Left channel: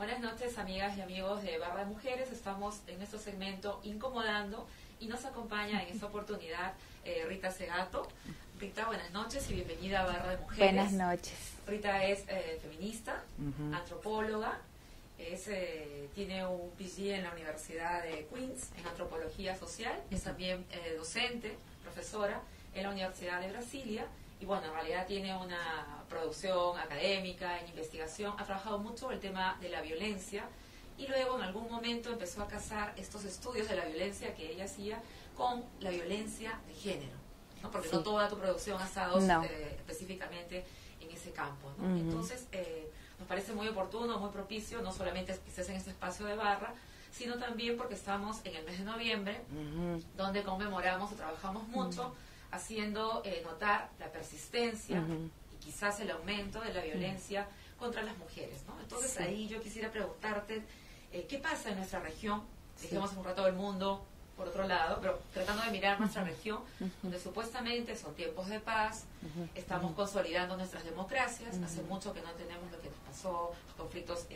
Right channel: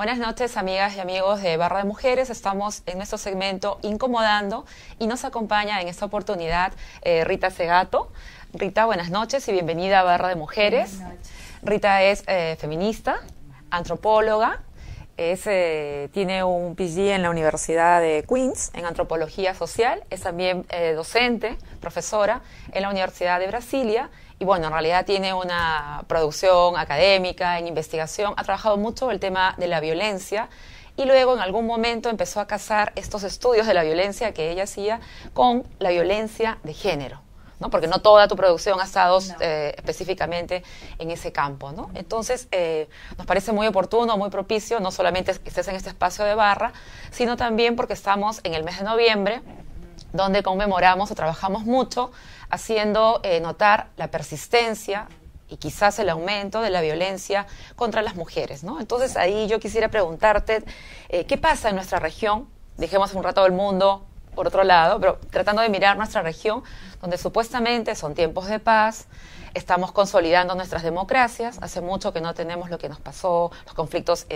Buenas noches, amigas y amigos de Barra de Mujeres. Estamos en nuestro segmento Incomodando y nos acompaña en esta oportunidad Rita Segato. Rita, buenas noches y bienvenida a Barra de Mujeres. Buenas noches. Rita es feminista, antropóloga, tiene un PhD en la Universidad de Queens en Antropología Social, es también docente, profesora en la Universidad de Brasilia. Y bueno, en realidad tiene una producción académica, en investigación, ha trabajado mucho el tema de la violencia y luego en algún momento empezó a casar estos estudios de la violencia que ella hacía con la violencia de género, ¿no? Porque no toda tu producción ha estado específicamente en ese campo, ¿no? Entonces, nos parece muy oportuno, muy propicio, no solamente que estés en este espacio de Barra, sino también porque estamos en el mes de noviembre, donde conmemoramos o trabajamos mucho haciendo notar la persistencia y quizás el aumento de la violencia contra las mujeres, ¿no? Entonces ahí yo quisiera preguntarte, ¿qué pasa en nuestra región? Dejemos un rato el mundo por otro lado, pero tratando de mirar nuestra región, donde supuestamente son tiempos de paz, estamos consolidando nuestras democracias, hace mucho que no tenemos lo que nos pasó, los conflictos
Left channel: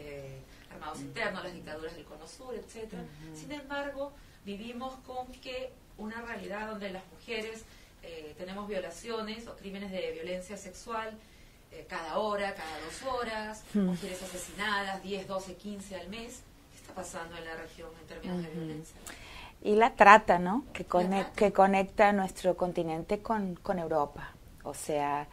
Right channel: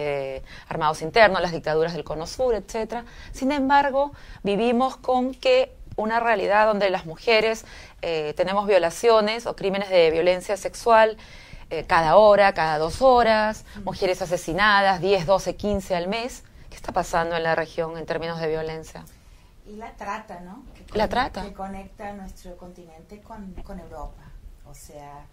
armados internos, las dictaduras del Cono Sur, etcétera. Sin embargo, vivimos con que una realidad donde las mujeres tenemos violaciones o crímenes de violencia sexual cada hora, cada 2 horas, mujeres asesinadas, 10, 12, 15 al mes. ¿Qué está pasando en la región en términos de violencia? Y la trata, ¿no? Que conecta nuestro continente con Europa. O sea,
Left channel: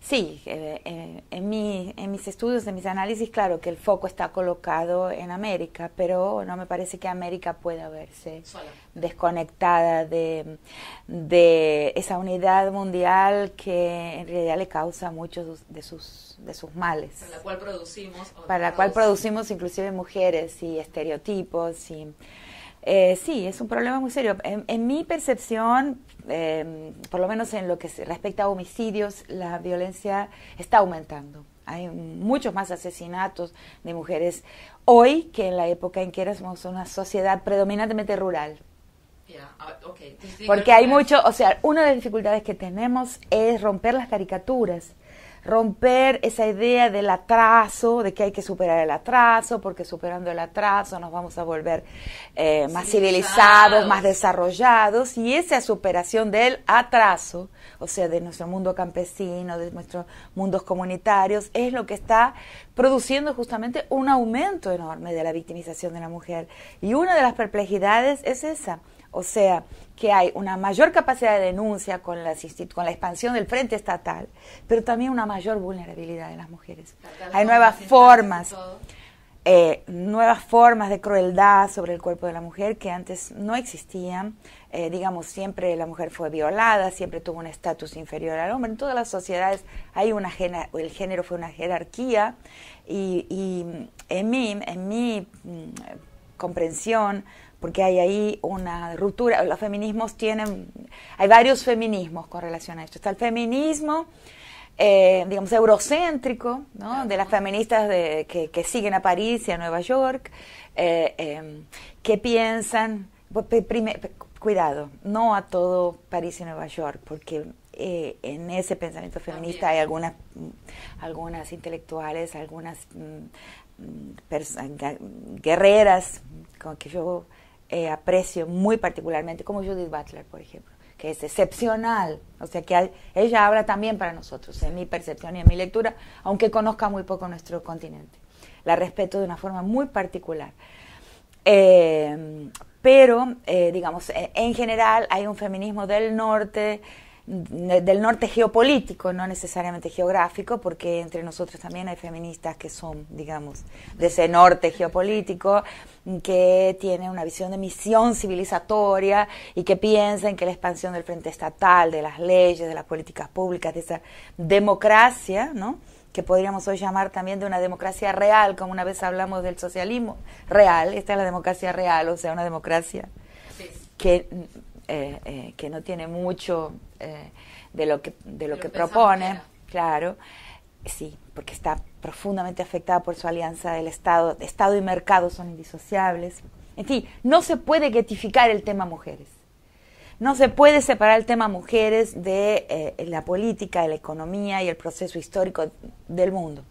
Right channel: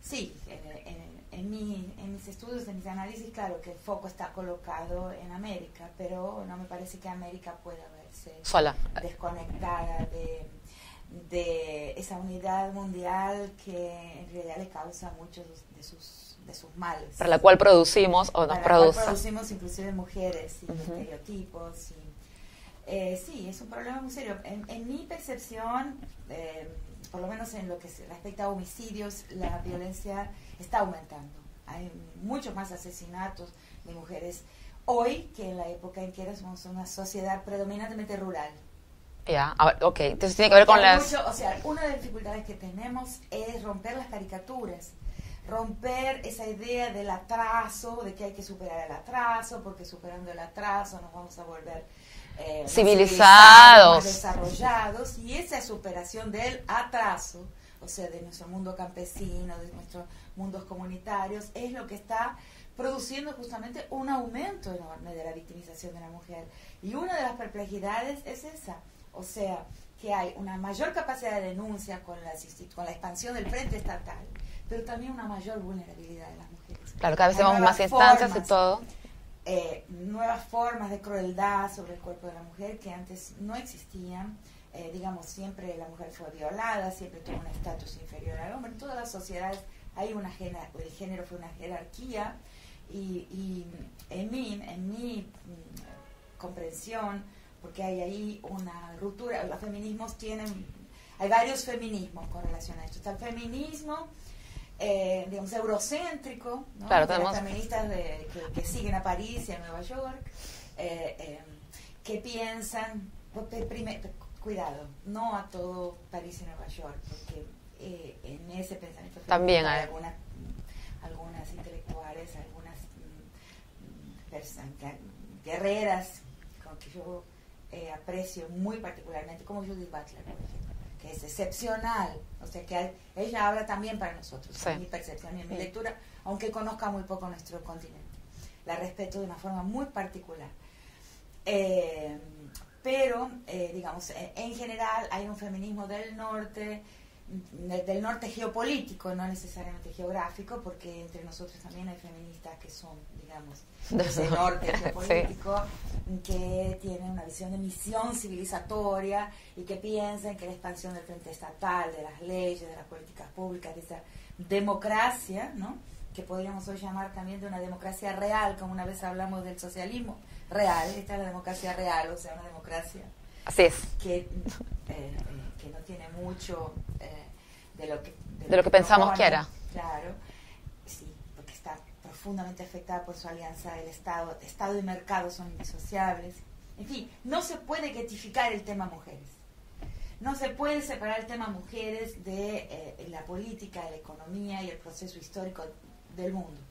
sí, en mis estudios, en mis análisis, claro que el foco está colocado en América, pero no me parece que América pueda verse sola, desconectada de esa unidad mundial que en realidad le causa muchos de sus males. Para la cual producimos o no para la cual producimos inclusive mujeres y estereotipos y... sí, es un problema muy serio. En mi percepción, por lo menos en lo que respecta a homicidios, la violencia está aumentando. Hay muchos más asesinatos de mujeres hoy que en la época en que éramos una sociedad predominantemente rural. Ya, ok. Entonces tiene que ver con hay mucho, o sea, una de las dificultades que tenemos es romper las caricaturas. Romper esa idea del atraso, de que hay que superar el atraso, porque superando el atraso nos vamos a volver más civilizados, más desarrollados, y esa superación del atraso, o sea, de nuestro mundo campesino, de nuestros mundos comunitarios, es lo que está produciendo justamente un aumento enorme de la victimización de la mujer. Y una de las perplejidades es esa, o sea, que hay una mayor capacidad de denuncia con la expansión del frente estatal, pero también una mayor vulnerabilidad de las mujeres. Claro, cada vez hay nuevas formas de crueldad sobre el cuerpo de la mujer que antes no existían. Digamos, siempre la mujer fue violada, siempre tuvo un estatus inferior al hombre. En todas las sociedades el género fue una jerarquía y en mi comprensión, porque hay ahí una ruptura, los feminismos hay varios feminismos con relación a esto. Está el feminismo, digamos, eurocéntrico, ¿no? Claro, de las feministas que siguen a París y a Nueva York, que piensan, cuidado, no a todo París y Nueva York, porque en ese pensamiento feminista también hay algunas intelectuales, algunas guerreras con que yo aprecio muy particularmente, como Judith Butler, por ejemplo, que es excepcional, o sea que ella habla también para nosotros, sí, en mi percepción y en mi lectura, aunque conozca muy poco nuestro continente. La respeto de una forma muy particular. Pero, digamos, en general hay un feminismo del norte geopolítico, no necesariamente geográfico, porque entre nosotros también hay feministas que son, digamos, de ese norte geopolítico, sí, que tienen una visión de misión civilizatoria y que piensan que la expansión del frente estatal, de las leyes, de las políticas públicas, de esa democracia, ¿no?, que podríamos hoy llamar también de una democracia real, como una vez hablamos del socialismo real. Esta es la democracia real, o sea, una democracia así es, que no tiene mucho de lo que pensamos propone, que era. Claro, sí, porque está profundamente afectada por su alianza del Estado. Estado y mercado son indisociables. En fin, no se puede guetificar el tema mujeres. No se puede separar el tema mujeres de la política, de la economía y el proceso histórico del mundo.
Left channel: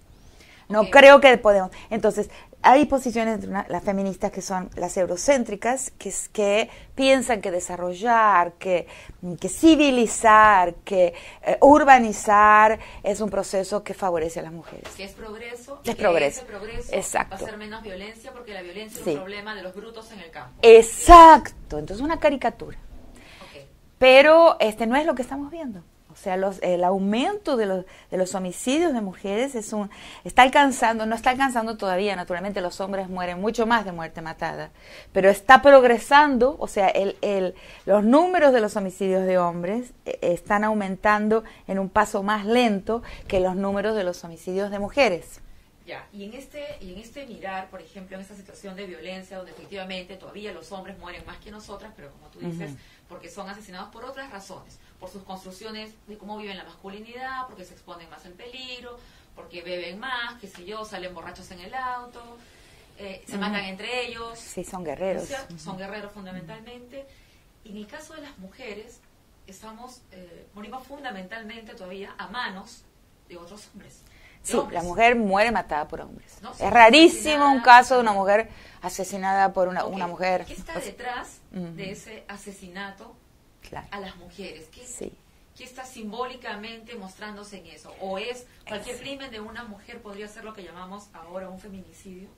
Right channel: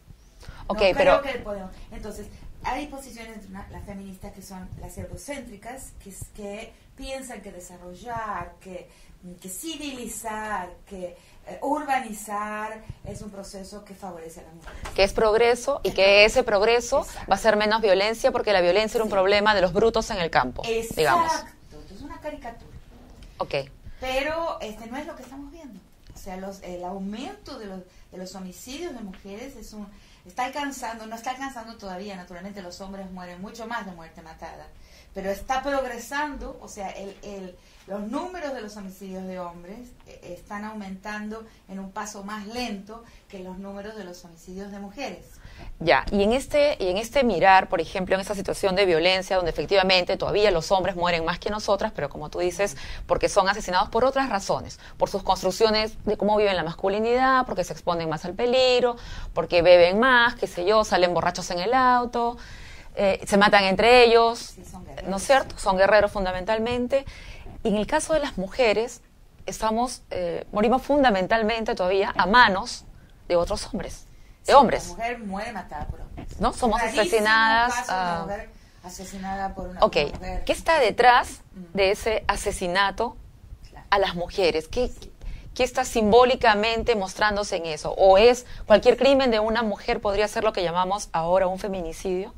No Ok, creo pero- que podemos. Entonces, hay posiciones de las feministas que son las eurocéntricas, que piensan que desarrollar, que civilizar, que urbanizar es un proceso que favorece a las mujeres. Que es progreso y Es que progreso. ese progreso Exacto. va a ser menos violencia porque la violencia era un Sí. problema de los brutos en el campo. digamos. Exacto. Entonces, una caricatura. Ok. Pero no es lo que estamos viendo. O sea, el aumento de los homicidios de mujeres no está alcanzando todavía, naturalmente los hombres mueren mucho más de muerte matada, pero está progresando, o sea, los números de los homicidios de hombres están aumentando en un paso más lento que los números de los homicidios de mujeres. Ya, y en este mirar, por ejemplo, en esta situación de violencia, donde efectivamente todavía los hombres mueren más que nosotras, pero como tú dices, porque son asesinados por otras razones, por sus construcciones de cómo viven la masculinidad, porque se exponen más al peligro, porque beben más, qué sé yo, salen borrachos en el auto, se matan entre ellos. Sí, son guerreros. ¿No es cierto? Son guerreros fundamentalmente. Y en el caso de las mujeres, morimos fundamentalmente todavía a manos de otros hombres. De Sí, hombres. la mujer muere matada por hombres. ¿No? Es Somos rarísimo un asesinadas caso de una a- mujer asesinada por una Ok, mujer. ¿qué está detrás de ese asesinato Claro. a las mujeres? Sí. ¿Qué está simbólicamente mostrándose en eso? ¿O es cualquier crimen de una mujer podría ser lo que llamamos ahora un feminicidio?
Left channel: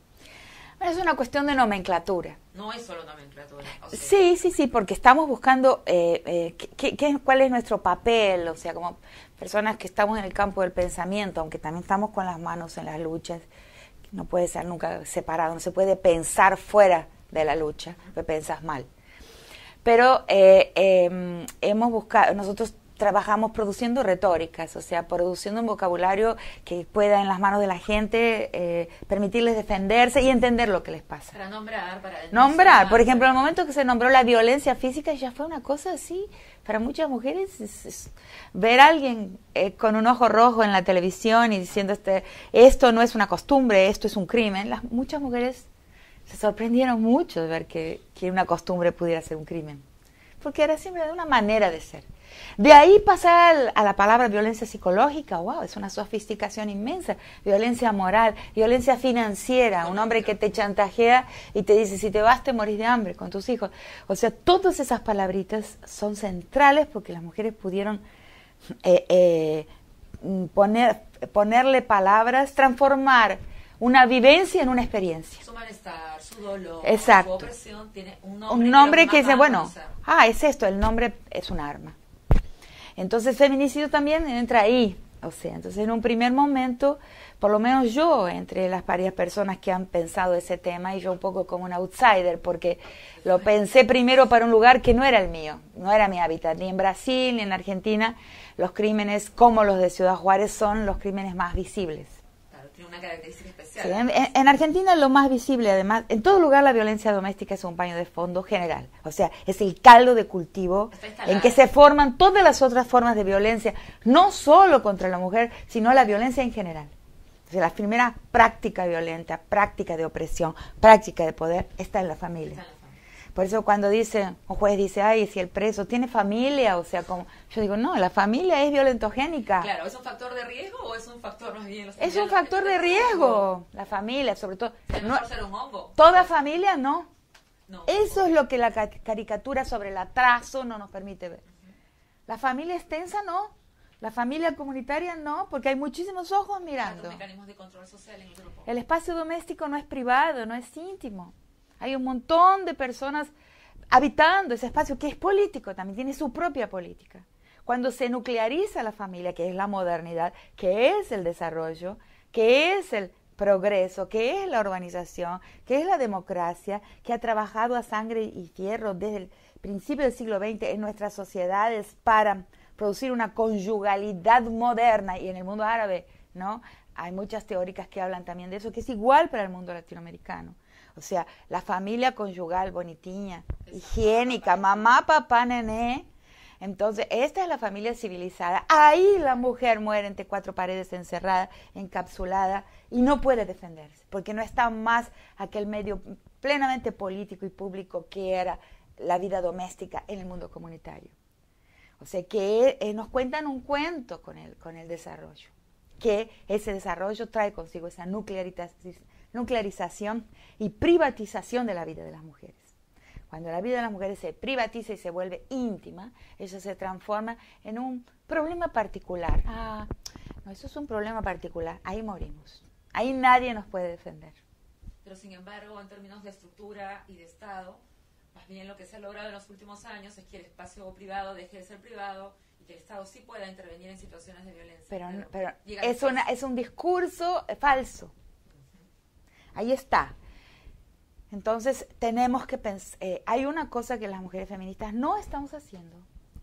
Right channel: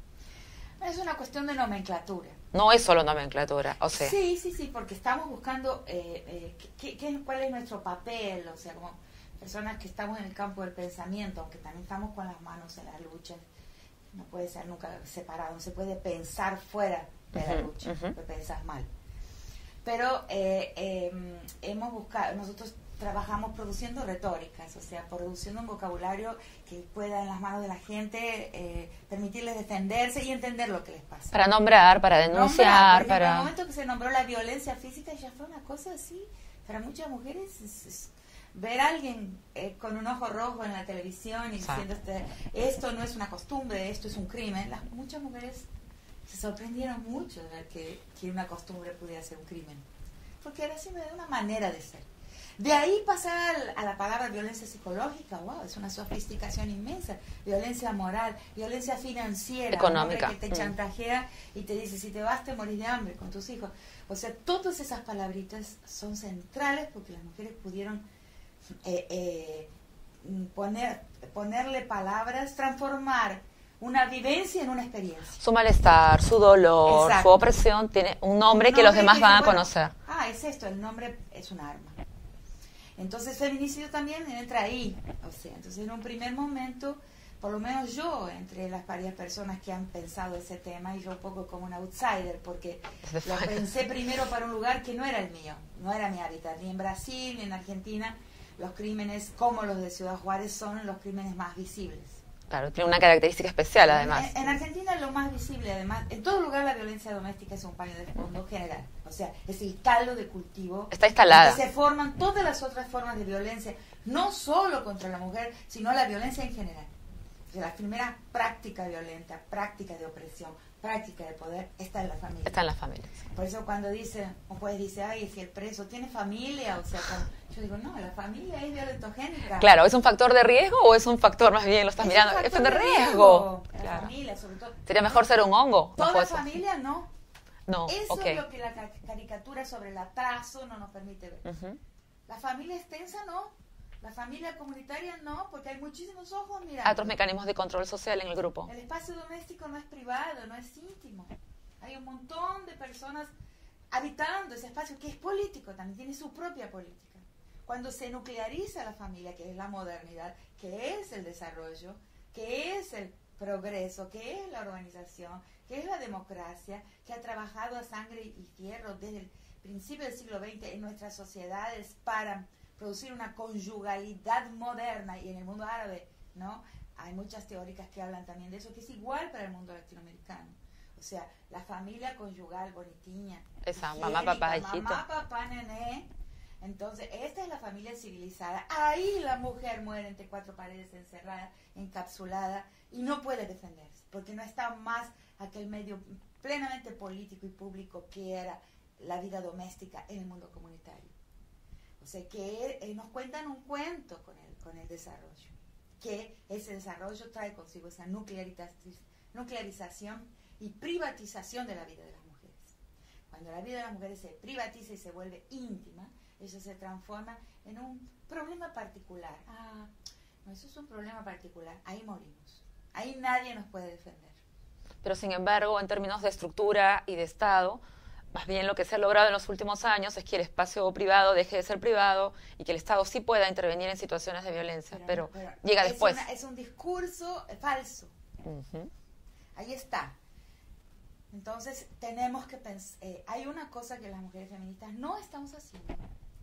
Es una cuestión de nomenclatura. No es solo nomenclatura, o sea. Sí, porque estamos buscando cuál es nuestro papel, o sea, como personas que estamos en el campo del pensamiento, aunque también estamos con las manos en las luchas, no puede ser nunca separado, no se puede pensar fuera de la lucha, porque pensas mal. Pero hemos buscado, nosotros trabajamos produciendo retóricas, o sea, produciendo un vocabulario que pueda en las manos de la gente permitirles defenderse y entender lo que les pasa. Para nombrar, para denunciar. Por ejemplo, para- en el momento que se nombró la violencia física ya fue una cosa así, para muchas mujeres ver a alguien con un ojo rojo en la televisión y diciendo esto no es una costumbre, esto es un crimen, muchas mujeres se sorprendieron mucho de ver que una costumbre pudiera ser un crimen, porque era siempre una manera de ser. De ahí pasar a la palabra violencia psicológica, wow, es una sofisticación inmensa. Violencia moral, violencia financiera, Económica. un hombre que te chantajea y te dice, si te vas te morís de hambre con tus hijos. O sea, todas esas palabritas son centrales porque las mujeres pudieron ponerle palabras, transformar una vivencia en una experiencia. Su malestar, su dolor, Exacto. su opresión tiene un nombre Un que los nombre demás que van dice, a bueno, conocer. es esto, el nombre es un arma. Entonces, feminicidio también entra ahí. O sea, entonces en un primer momento, por lo menos yo, entre las varias personas que han pensado ese tema, y yo un poco como un outsider, porque lo pensé primero para un lugar que no era el mío, no era mi hábitat, ni en Brasil, ni en Argentina, los crímenes como los de Ciudad Juárez son los crímenes más visibles. Claro, tiene una característica especial, además. En Argentina lo más visible, además, en todo lugar la violencia doméstica es un paño de fondo general. O sea, es el caldo de cultivo Está instalada. en que se forman todas las otras formas de violencia, no solo contra la mujer, sino la violencia en general. O sea, la primera práctica violenta, práctica de opresión, práctica de poder, está en la familia. Está en las familias. Por eso cuando un juez dice, ay, si el preso tiene familia, o sea, como yo digo, no, la familia es violentogénica. Claro, ¿es un factor de riesgo o es un factor más bien, lo estás Es mirando? un factor de riesgo. La familia, sobre todo. Sería mejor ser un hongo. Toda Puede ser. familia no. No. Eso ok. es lo que la caricatura sobre el atraso no nos permite ver. Ujú. La familia extensa no. La familia comunitaria no, porque hay muchísimos ojos mirando. Otros mecanismos de control social en el grupo. El espacio doméstico no es privado, no es íntimo. Hay un montón de personas habitando ese espacio que es político, también tiene su propia política. Cuando se nucleariza la familia, que es la modernidad, que es el desarrollo, que es el progreso, que es la urbanización, que es la democracia, que ha trabajado a sangre y fierro desde el principio del siglo XX en nuestras sociedades para producir una conyugalidad moderna, y en el mundo árabe, ¿no? Hay muchas teóricas que hablan también de eso, que es igual para el mundo latinoamericano. O sea, la familia conyugal bonitiña, Esa, higiénica, mamá, papá, nené. Entonces, esta es la familia civilizada. Ahí la mujer muere entre cuatro paredes encerrada, encapsulada, y no puede defenderse, porque no está más aquel medio plenamente político y público que era la vida doméstica en el mundo comunitario. O sea, que nos cuentan un cuento con el desarrollo. que ese desarrollo trae consigo esa nuclearización y privatización de la vida de las mujeres. Cuando la vida de las mujeres se privatiza y se vuelve íntima, eso se transforma en un problema particular. Ah, no, eso es un problema particular, ahí morimos. Ahí nadie nos puede defender. Pero sin embargo, en términos de estructura y de Estado, más bien lo que se ha logrado en los últimos años es que el espacio privado deje de ser privado y que el Estado sí pueda intervenir en situaciones de violencia. Pero llega después. Es un discurso falso. Ahí está. Entonces tenemos que pensar, hay una cosa que las mujeres feministas no estamos haciendo.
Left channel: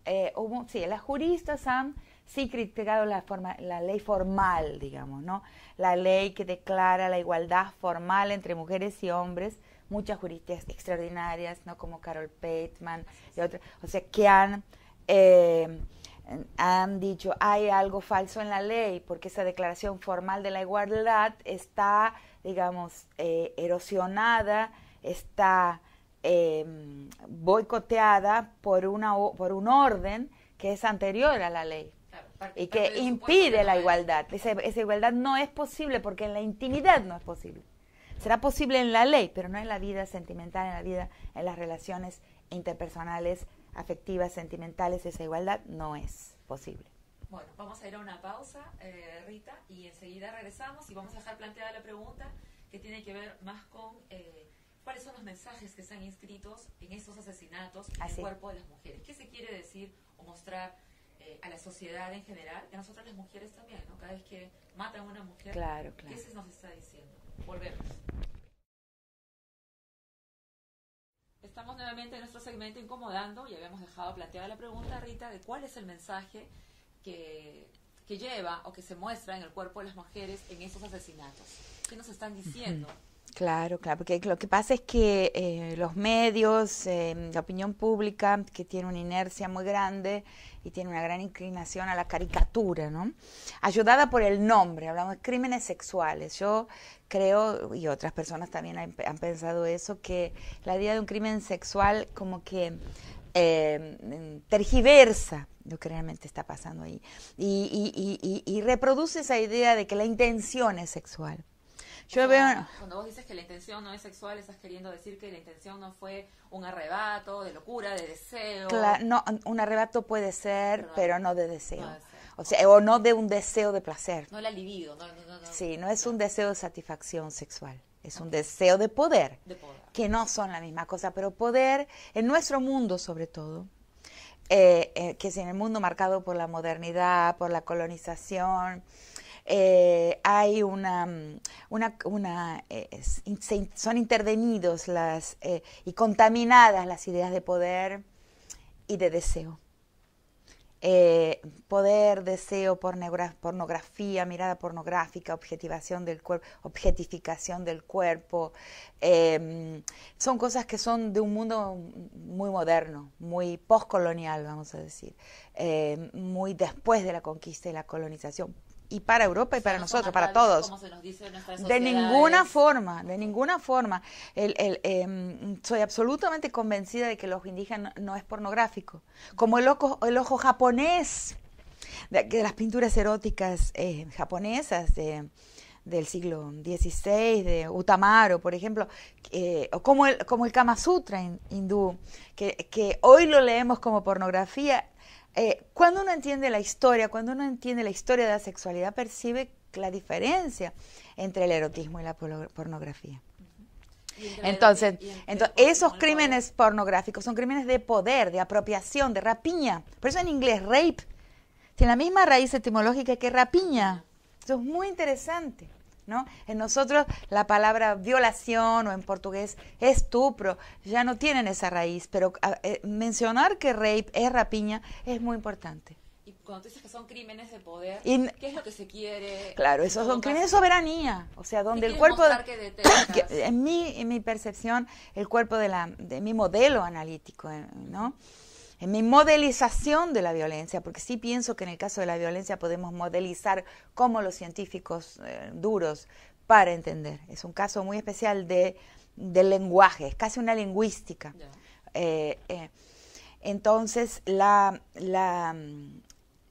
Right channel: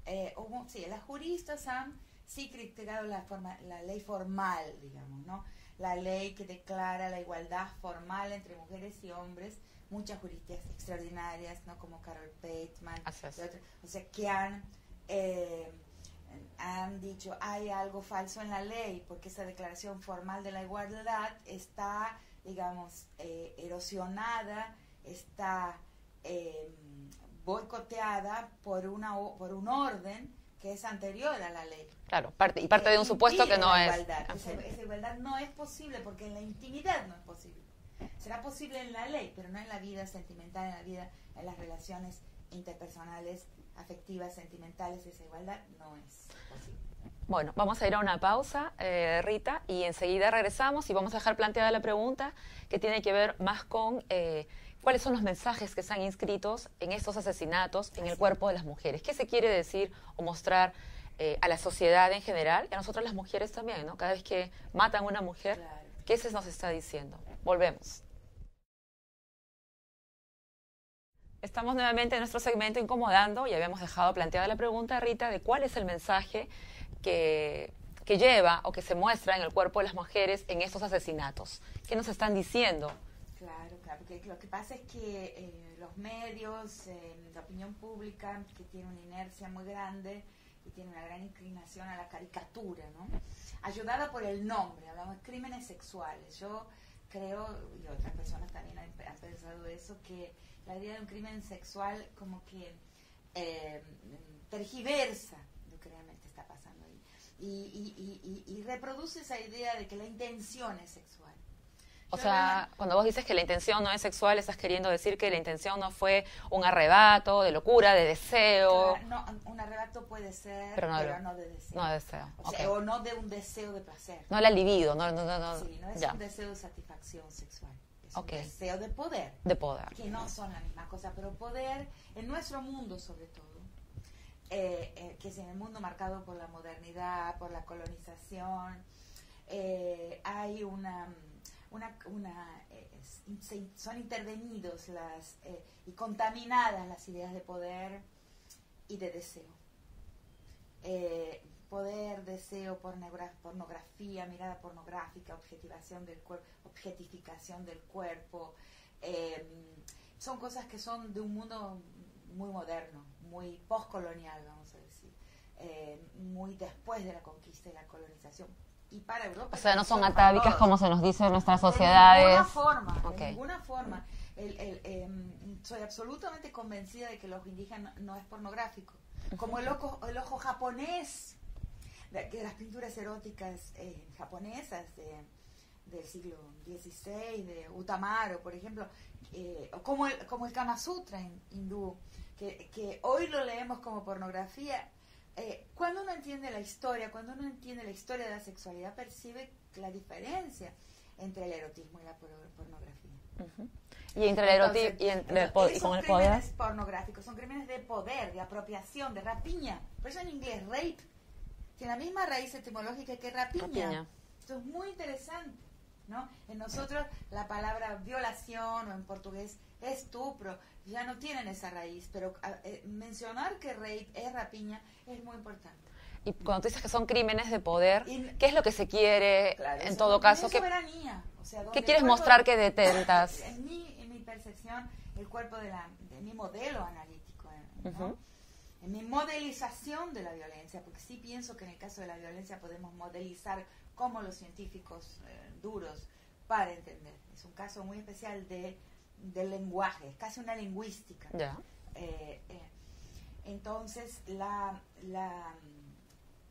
Las juristas han criticado la ley formal, digamos, ¿no? La ley que declara la igualdad formal entre mujeres y hombres, muchas juristas extraordinarias, ¿no? Como Carol Pateman y otras, o sea, que han dicho hay algo falso en la ley porque esa declaración formal de la igualdad está, digamos, erosionada, está boicoteada por un orden que es anterior a la ley. Claro, parte de un supuesto que no la es igualdad. Esa igualdad no es posible porque en la intimidad no es posible. Será posible en la ley, pero no en la vida sentimental, en las relaciones interpersonales, afectivas, sentimentales. Esa igualdad no es posible. Bueno, vamos a ir a una pausa, Rita, y enseguida regresamos y vamos a dejar planteada la pregunta que tiene que ver más con cuáles son los mensajes que están inscritos en estos asesinatos en el cuerpo de las mujeres. ¿Qué se quiere decir o mostrar a la sociedad en general y a nosotras las mujeres también, ¿no? Cada vez que matan a una mujer, claro. ¿Qué se nos está diciendo? Volvemos. Estamos nuevamente en nuestro segmento Incomodando y habíamos dejado planteada la pregunta, Rita, de cuál es el mensaje que lleva o que se muestra en el cuerpo de las mujeres en estos asesinatos. ¿Qué nos están diciendo? Claro, porque lo que pasa es que los medios, la opinión pública, que tiene una inercia muy grande y tiene una gran inclinación a la caricatura, ¿no? Ayudada por el nombre, hablamos de crímenes sexuales. Yo creo, y otras personas también han pensado eso, que la idea de un crimen sexual como que tergiversa lo que realmente está pasando ahí y reproduce esa idea de que la intención es sexual. Cuando vos dices que la intención no es sexual, estás queriendo decir que la intención no fue un arrebato de locura, de deseo. Claro, no, un arrebato puede ser, pero no de deseo. No de deseo. O sea, o no de un deseo de placer. No la libido, no. Sí, no es un deseo de satisfacción sexual. Es un deseo de poder. De poder. Que no son la misma cosa, pero poder, en nuestro mundo sobre todo, que es en el mundo marcado por la modernidad, por la colonización, hay son intervenidos y contaminadas las ideas de poder y de deseo. Poder, deseo, pornografía, mirada pornográfica, objetificación del cuerpo, son cosas que son de un mundo muy moderno, muy postcolonial, vamos a decir, muy después de la conquista y la colonización. Y para Europa y para nosotros, para todos. Como se nos dice en nuestras sociedades. De ninguna forma. Soy absolutamente convencida de que el ojo indígena no es pornográfico. Como el ojo japonés, de las pinturas eróticas japonesas del siglo XVI, de Utamaro, por ejemplo, o como el Kama Sutra hindú, que hoy lo leemos como pornografía. Cuando uno entiende la historia de la sexualidad, percibe la diferencia entre el erotismo y la pornografía. Entonces, esos crímenes pornográficos son crímenes de poder, de apropiación, de rapiña. Por eso en inglés, rape, tiene la misma raíz etimológica que rapiña. Eso es muy interesante, ¿no? En nosotros la palabra violación o en portugués estupro ya no tienen esa raíz, pero mencionar que rape es rapiña es muy importante. Y cuando tú dices que son crímenes de poder, ¿qué es lo que se quiere? Claro, eso es un crimen de soberanía. O sea, donde ¿qué el quieres cuerpo mostrar que detentas? En mi percepción, el cuerpo de mi modelo analítico, ¿no? En mi modelización de la violencia, porque sí pienso que en el caso de la violencia podemos modelizar como los científicos duros para entender. Es un caso muy especial del lenguaje, es casi una lingüística. Yeah. Entonces,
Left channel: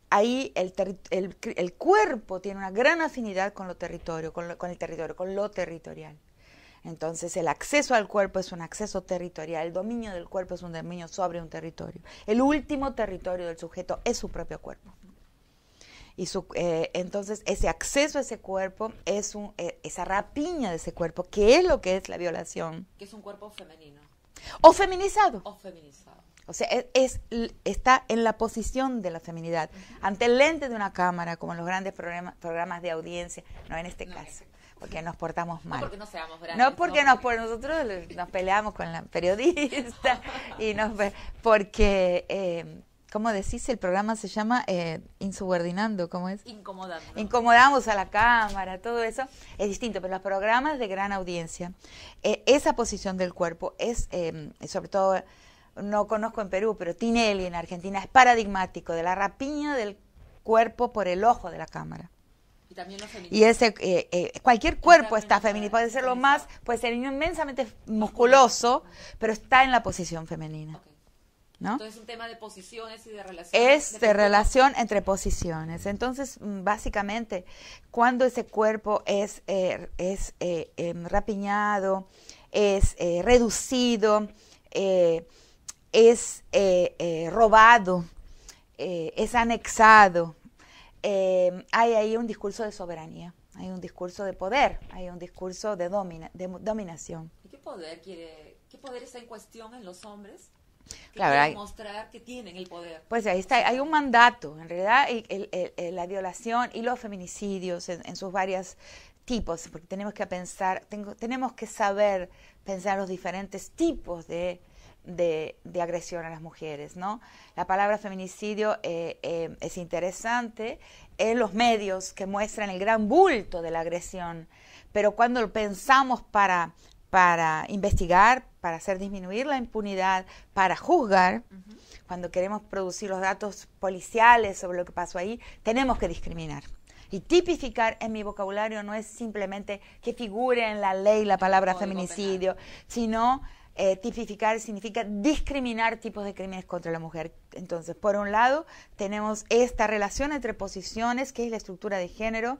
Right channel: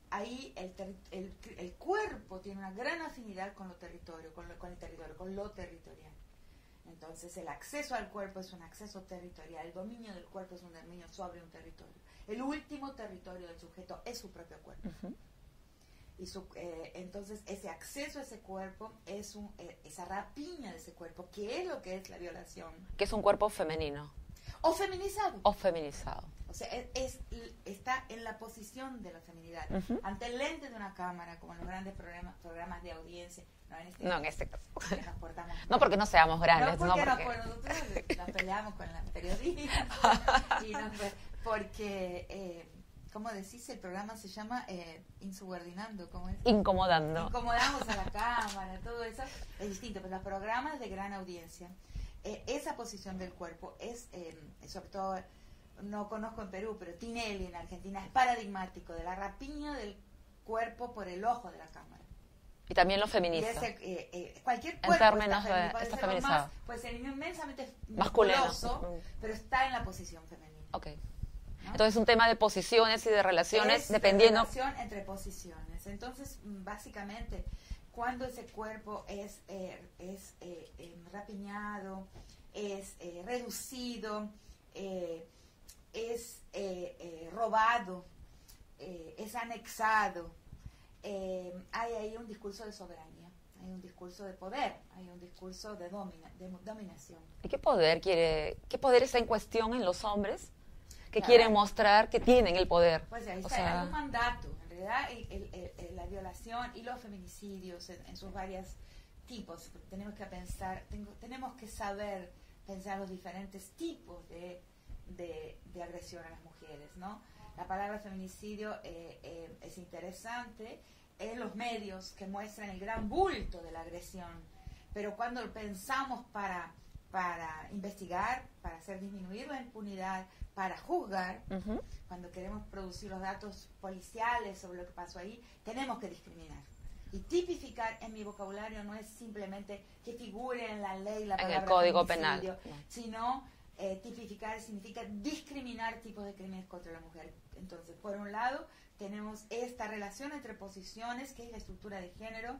ahí el cuerpo tiene una gran afinidad con lo territorio, con lo territorial. Entonces el acceso al cuerpo es un acceso territorial, el dominio del cuerpo es un dominio sobre un territorio. El último territorio del sujeto es su propio cuerpo. Y entonces ese acceso a ese cuerpo es esa rapiña de ese cuerpo, que es lo que es la violación. Que es un cuerpo femenino. O feminizado. O feminizado. O sea, está en la posición de la feminidad, ante el lente de una cámara, como en los grandes programas de audiencia, no en este caso, porque nos portamos mal. No porque no seamos grandes. No porque, nosotros nos peleamos con la periodista, porque, ¿cómo decís? El programa se llama Insubordinando, ¿cómo es? Incomodando. Incomodamos a la cámara, todo eso es distinto, pero los programas de gran audiencia, esa posición del cuerpo es, sobre todo, no conozco en Perú, pero Tinelli en Argentina es paradigmático de la rapiña del cuerpo por el ojo de la cámara. Y también lo feminista. Y cualquier cuerpo está femenino, puede ser lo más, puede ser inmensamente musculoso, pero está en la posición femenina. Okay. ¿No? Entonces es un tema de posiciones y de relaciones. Es de relación entre posiciones. Entonces, básicamente, cuando ese cuerpo es rapiñado, es reducido, es robado, es anexado, hay ahí un discurso de soberanía, hay un discurso de poder, hay un discurso de dominación. ¿Y qué poder está en cuestión en los hombres que claro, quieren mostrar que tienen el poder? Pues ahí está, hay un mandato, en realidad la violación y los feminicidios en sus varios tipos, porque tenemos que pensar, tenemos que saber pensar los diferentes tipos de agresión a las mujeres, ¿no? La palabra feminicidio es interesante en los medios que muestran el gran bulto de la agresión, pero cuando lo pensamos para investigar, para hacer disminuir la impunidad, para juzgar, cuando queremos producir los datos policiales sobre lo que pasó ahí, tenemos que discriminar. Y tipificar en mi vocabulario no es simplemente que figure en la ley la palabra feminicidio, sino tipificar significa discriminar tipos de crímenes contra la mujer. Entonces, por un lado, tenemos esta relación entre posiciones, que es la estructura de género,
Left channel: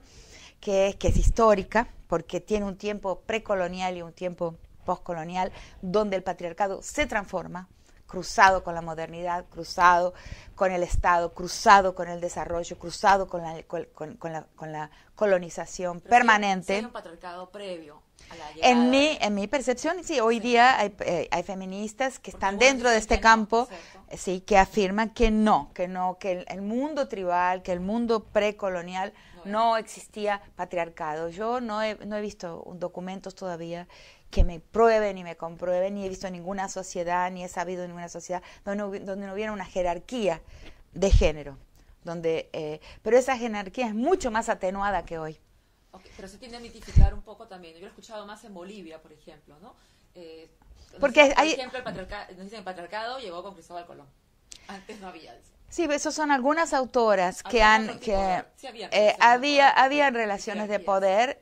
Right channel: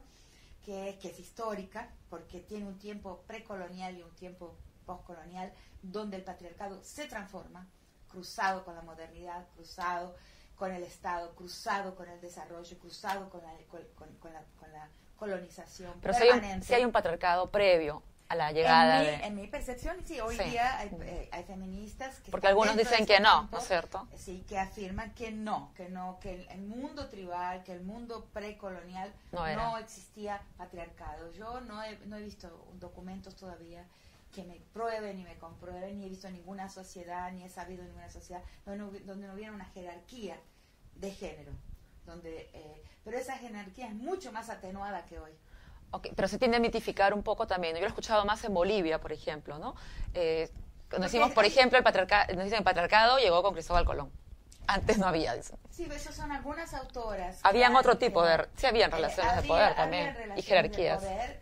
que es histórica, porque tiene un tiempo precolonial y un tiempo postcolonial, donde el patriarcado se transforma, cruzado con la modernidad, cruzado con el Estado, cruzado con el desarrollo, cruzado con la colonización permanente. Si hay un patriarcado previo a la llegada. En mi percepción, sí, hoy día hay feministas que porque están dentro de este campo, ¿no? sí, que afirman que que el mundo tribal, que el mundo precolonial no existía patriarcado. Yo no he visto documentos todavía que me prueben y me comprueben, ni he visto ninguna sociedad, ni he sabido en ninguna sociedad donde no hubiera una jerarquía de género, pero esa jerarquía es mucho más atenuada que hoy. Okay, pero se tiende a mitificar un poco también. Yo lo he escuchado más en Bolivia, por ejemplo, ¿no? Porque por ejemplo, el patriarcado llegó con Cristóbal Colón. Antes no había eso. Sí, esas son algunas autoras que otro tipo de... Sí, habían relaciones de poder.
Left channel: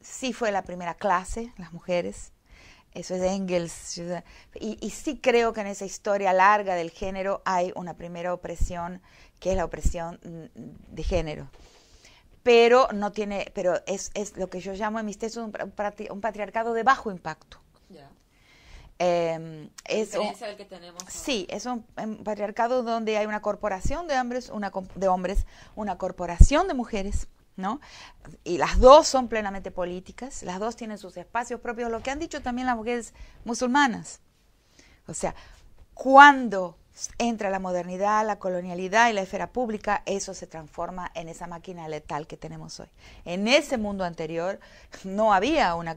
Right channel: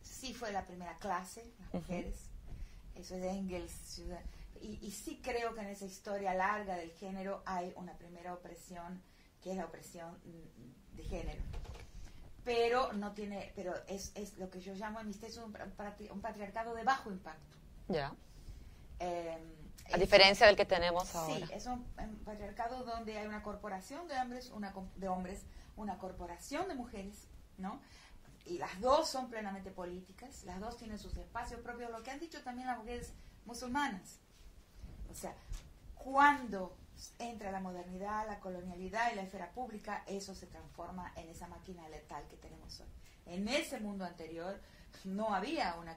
Sí fue la primera clase, las mujeres. Eso es Engels. Y sí creo que en esa historia larga del género hay una primera opresión, que es la opresión de género. Pero es lo que yo llamo en mis textos un patriarcado de bajo impacto. Ya. A diferencia del que tenemos ahora. Sí, es un patriarcado donde hay una corporación de hombres, una corporación de mujeres, ¿no? Y las dos son plenamente políticas, las dos tienen sus espacios propios, lo que han dicho también las mujeres musulmanas. O sea, cuando entra la modernidad, la colonialidad y la esfera pública, eso se transforma en esa máquina letal que tenemos hoy. En ese mundo anterior no había un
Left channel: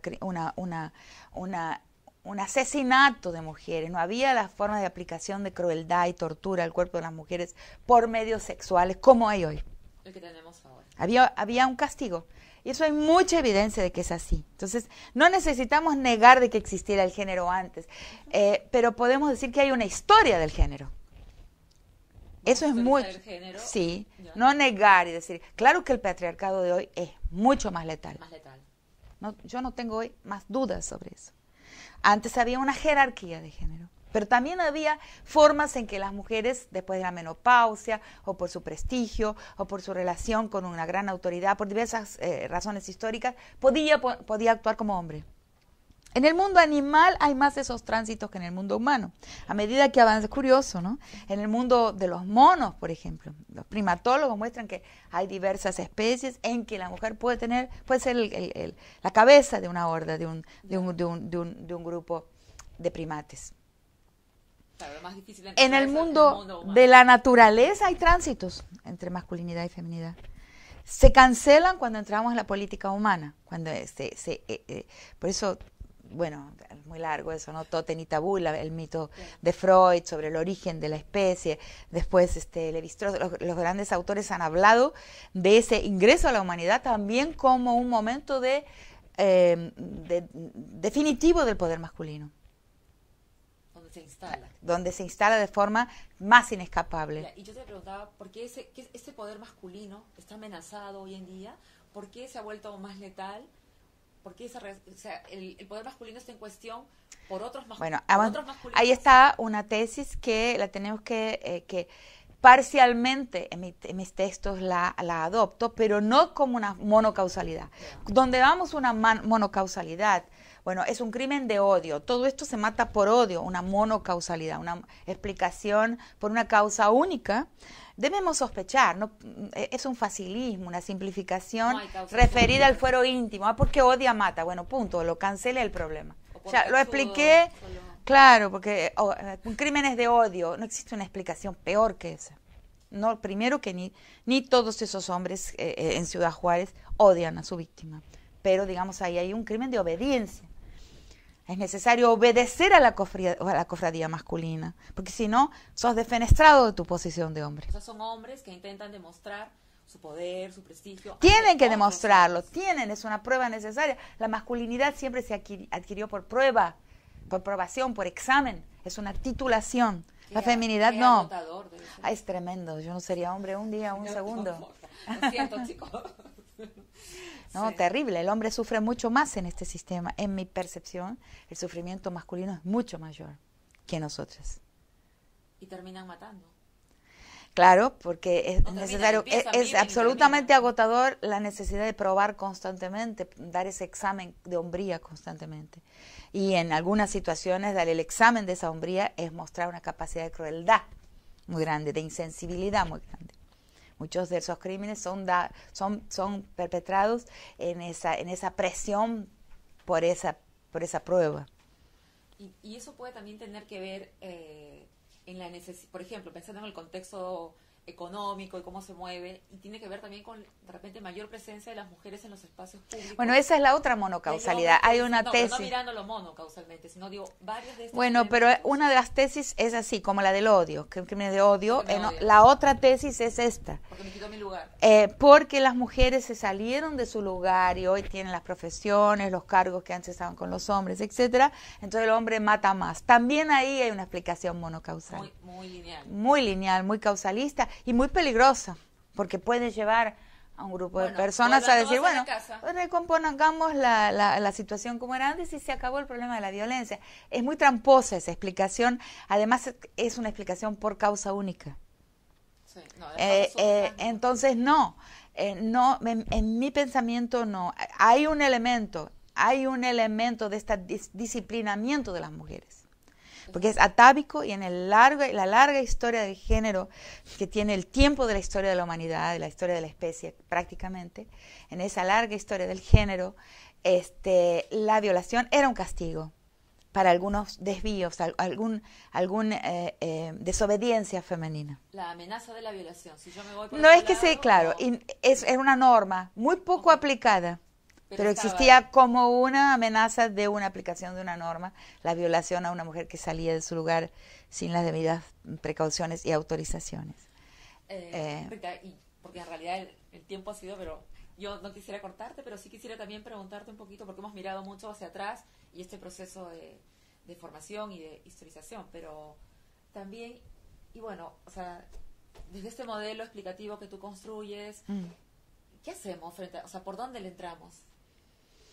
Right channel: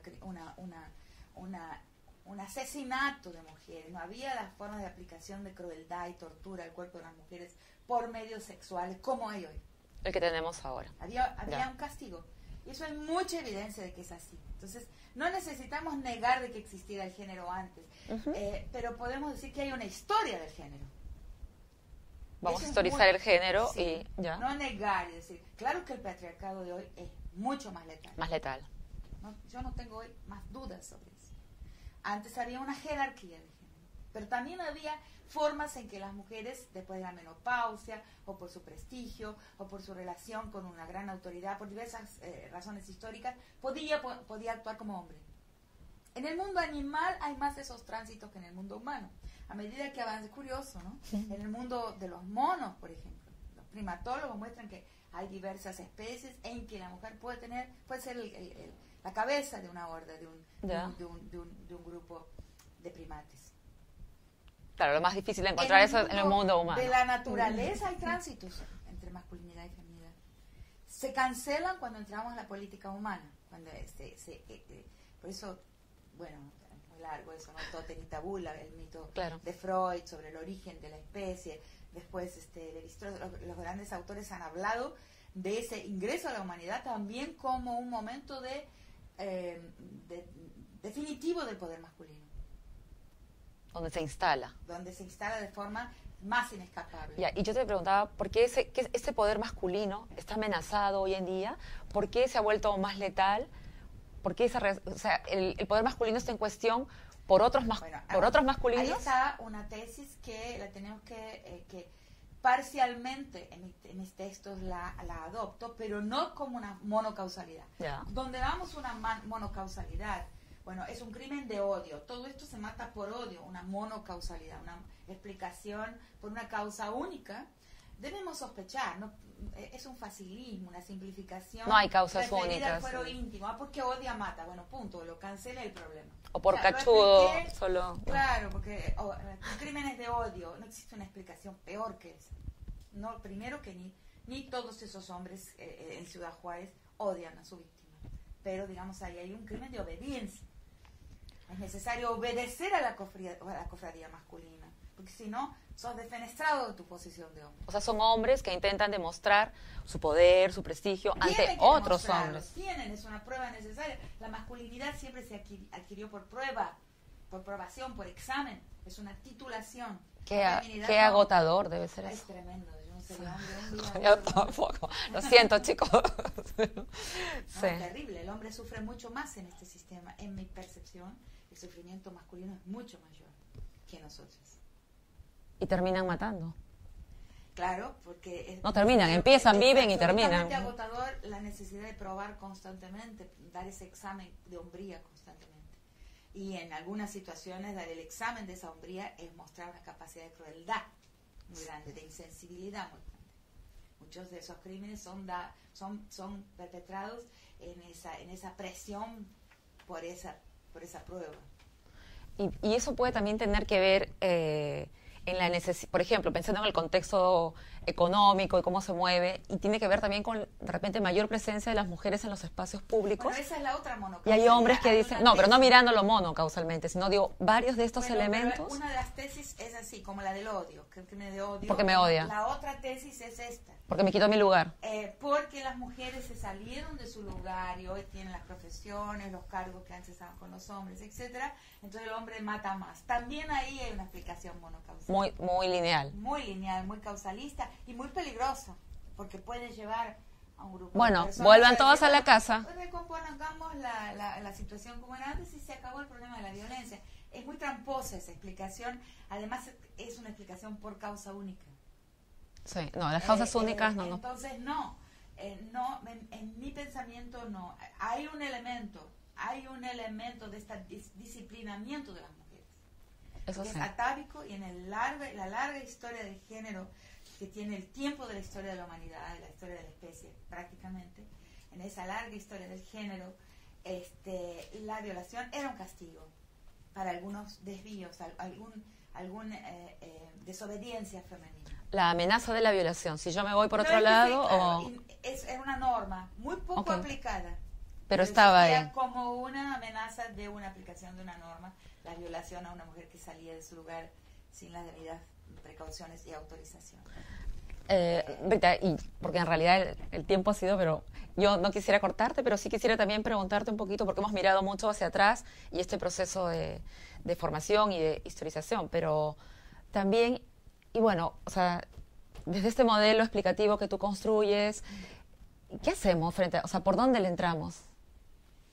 asesinato de mujeres, no había las formas de aplicación de crueldad y tortura al cuerpo de las mujeres por medios sexuales como hay hoy. El que tenemos ahora. Había un castigo. Y eso hay mucha evidencia de que es así. Entonces, no necesitamos negar de que existiera el género antes, pero podemos decir que hay una historia del género. Eso es historizar el género. Sí, no negar y decir, claro que el patriarcado de hoy es mucho más letal. Más letal. Yo no tengo hoy más dudas sobre eso. Antes había una jerarquía de género. Pero también había formas en que las mujeres, después de la menopausia, o por su prestigio, o por su relación con una gran autoridad, por diversas razones históricas, podía actuar como hombre. En el mundo animal hay más de esos tránsitos que en el mundo humano. A medida que avanza, es curioso, ¿no? Sí. En el mundo de los monos, por ejemplo, los primatólogos muestran que hay diversas especies en que la mujer puede ser la cabeza de una horda, de un grupo de primates. Claro, lo más difícil de encontrar es en el mundo humano. De la naturaleza hay tránsitos entre masculinidad y feminidad. Se cancelan cuando entramos en la política humana, cuando por eso, bueno, es muy largo eso, ¿no? Totem y tabú, el mito de Freud sobre el origen de la especie. Después Levi-Strauss, los grandes autores han hablado de ese ingreso a la humanidad también como un momento definitivo del poder masculino. Donde se instala. Donde se instala de forma más inescapable. Ya, y yo te preguntaba, ¿por qué ese poder masculino está amenazado hoy en día? ¿Por qué se ha vuelto más letal? ¿Por qué el poder masculino está en cuestión por otros masculinos? Ahí está una tesis que la tenemos que parcialmente en mis textos la adopto, pero no como una monocausalidad. Yeah. Donde vamos una monocausalidad, bueno, es un crimen de odio. Todo esto se mata por odio, una monocausalidad, una explicación por una causa única. Debemos sospechar, ¿no? Es un facilismo, una simplificación referida al fuero íntimo. Porque odia, mata. Bueno, punto, lo cancela el problema. O por lo expliqué. Claro, porque crímenes de odio, no existe una explicación peor que esa. No, primero que ni todos esos hombres en Ciudad Juárez odian a su víctima. Pero, digamos, ahí hay un crimen de obediencia. Es necesario obedecer a la cofradía masculina, porque si no, sos defenestrado de tu posición de hombre. O sea, son hombres que intentan demostrar su poder, su prestigio. Tienen que demostrarlo, es una prueba necesaria. La masculinidad siempre se adquirió por prueba, por probación, por examen. Es una titulación. La feminidad qué no. agotador debe ser. Es tremendo. Yo no sería hombre un día, un segundo. Tampoco. Lo siento, chicos. No, terrible. El hombre sufre mucho más en este sistema. En mi percepción, el sufrimiento masculino es mucho mayor que nosotras. Y terminan matando. Claro, porque es absolutamente agotador la necesidad de probar constantemente, dar ese examen de hombría constantemente. Y en algunas situaciones dar el examen de esa hombría es mostrar una capacidad de crueldad muy grande, de insensibilidad muy grande. Muchos de esos crímenes son perpetrados en esa presión por esa prueba. Y eso puede también tener que ver en la necesidad, por ejemplo, pensando en el contexto económico y cómo se mueve, y tiene que ver también con, de repente, mayor presencia de las mujeres en los espacios públicos. Bueno, esa es la otra monocausalidad. Pero no mirándolo monocausalmente, sino digo, varios de estos elementos. Pero una de las tesis es así, como la del odio, que es un crimen de odio. Porque me odian. La otra tesis es esta. Porque me quitó mi lugar. Porque las mujeres se salieron de su lugar y hoy tienen las profesiones, los cargos que antes estaban con los hombres, etcétera. Entonces el hombre mata más. También ahí hay una explicación monocausal. Muy lineal. Muy lineal, muy causalista y muy peligrosa, porque puede llevar a un grupo de personas a decir, a la casa. Recompongamos la situación como era antes y se acabó el problema de la violencia. Es muy tramposa esa explicación, además es una explicación por causa única. Sí, no, las causas únicas no. Entonces en mi pensamiento no. Hay un elemento de este disciplinamiento de las mujeres. Porque es atávico y en la larga historia del género que tiene el tiempo de la historia de la humanidad, de la historia de la especie prácticamente, en esa larga historia del género, la violación era un castigo para algunos desvíos, alguna desobediencia femenina. La amenaza de la violación, si yo me voy por otro lado... No es que sí, claro, es una norma muy poco aplicada. Pero existía como una amenaza de una aplicación de una norma, la violación a una mujer que salía de su lugar sin las debidas precauciones y autorizaciones. Rita, porque en realidad el tiempo ha sido, pero yo no quisiera cortarte, pero sí quisiera también preguntarte un poquito, porque hemos mirado mucho hacia atrás y este proceso de formación y de historización, pero también, y bueno, o sea, desde este modelo explicativo que tú construyes, ¿qué hacemos ¿por dónde le entramos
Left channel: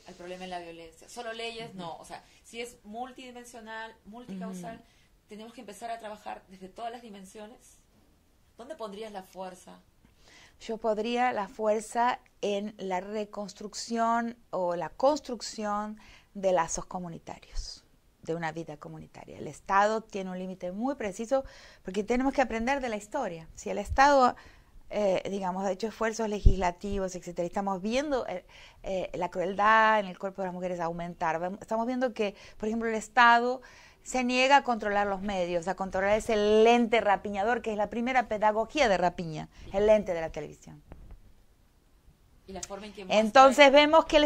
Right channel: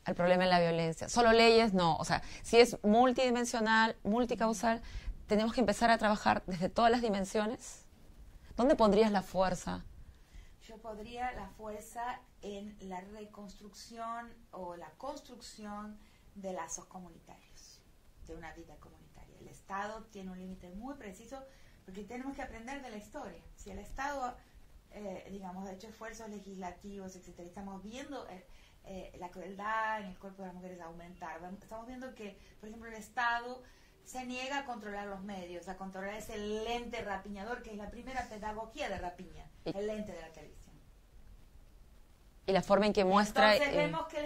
al problema de la violencia? ¿Solo leyes? No, o sea, si es multidimensional, multicausal, tenemos que empezar a trabajar desde todas las dimensiones? ¿Dónde pondrías la fuerza? Yo pondría la fuerza en la reconstrucción o la construcción de lazos comunitarios, de una vida comunitaria. El Estado tiene un límite muy preciso porque tenemos que aprender de la historia. Si el Estado, digamos, ha hecho esfuerzos legislativos, etcétera, y estamos viendo la crueldad en el cuerpo de las mujeres aumentar. Estamos viendo que, por ejemplo, el Estado se niega a controlar los medios, a controlar ese lente rapiñador, que es la primera pedagogía de rapiña, el lente de la televisión. Y la forma en que muestra... Entonces vemos que el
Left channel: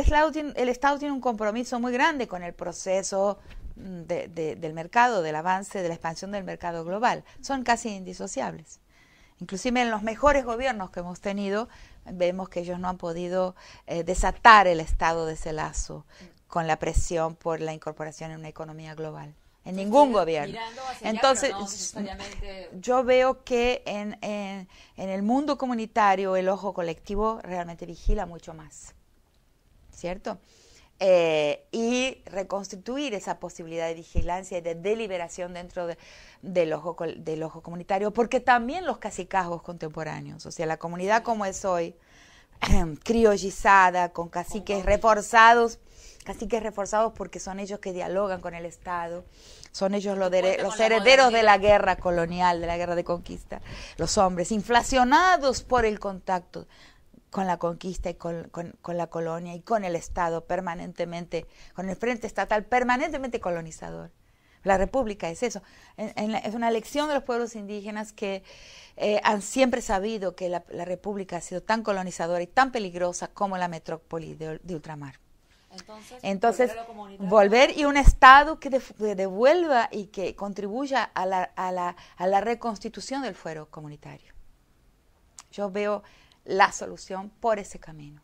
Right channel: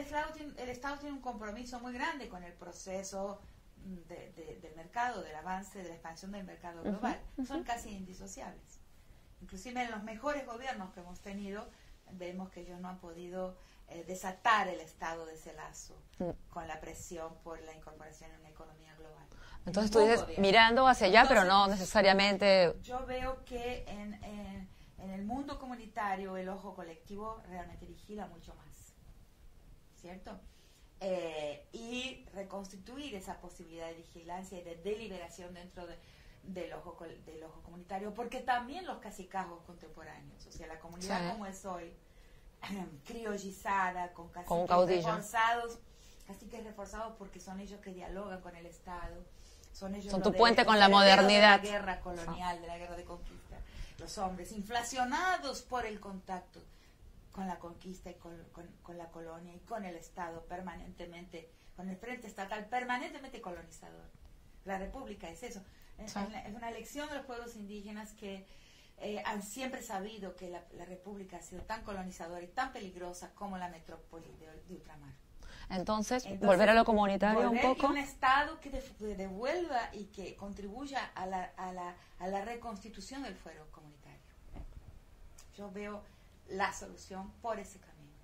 Estado tiene un compromiso muy grande con el proceso del mercado, del avance, de la expansión del mercado global. Son casi indisociables. Inclusive en los mejores gobiernos que hemos tenido, vemos que ellos no han podido desatar el Estado de ese lazo con la presión por la incorporación en una economía global. En Entonces, ningún gobierno. Mirando hacia allá, Entonces, pero no necesariamente... Yo veo que en el mundo comunitario el ojo colectivo realmente vigila mucho más, ¿cierto? Y reconstituir esa posibilidad de vigilancia y de deliberación dentro del ojo comunitario, porque también los cacicazgos contemporáneos, o sea, la comunidad como es hoy, criollizada, con caciques reforzados porque son ellos que dialogan con el Estado, son ellos los herederos de la guerra colonial, de la guerra de conquista, los hombres inflacionados por el contacto con la conquista y con la colonia y con el Estado permanentemente, con el frente estatal permanentemente colonizador. La República es eso, es una lección de los pueblos indígenas que han siempre sabido que la República ha sido tan colonizadora y tan peligrosa como la metrópoli de ultramar. Entonces, volver a lo comunitario. Volver y un Estado que devuelva y que contribuya a la reconstitución del fuero comunitario. Yo veo la solución por ese camino.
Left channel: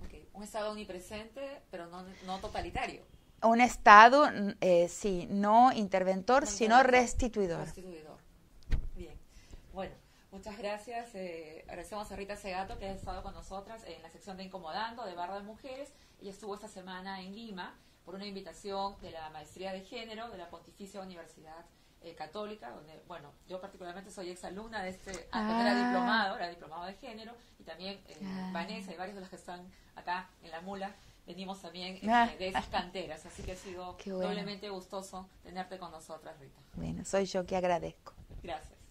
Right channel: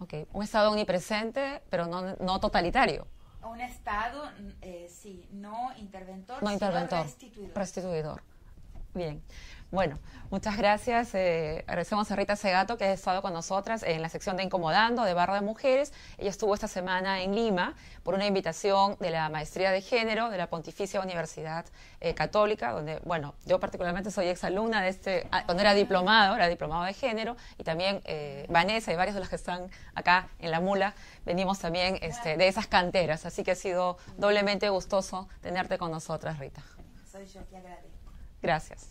Okay. Un Estado omnipresente, pero no totalitario. Un Estado, sí, no interventor, sino restituidor. Restituidor. Bien. Bueno, muchas gracias. Agradecemos a Rita Segato, que ha estado con nosotras en la sección de Incomodando de Barra de Mujeres. Ella estuvo esta semana en Lima por una invitación de la Maestría de Género de la Pontificia Universidad Católica, donde, bueno, yo particularmente soy exalumna de cuando era diplomado de Género, y también Vanessa y varios de los que están acá en La Mula, venimos también de esas canteras, así que ha sido doblemente gustoso tenerte con nosotras, Rita. Bueno, soy yo que agradezco. Gracias.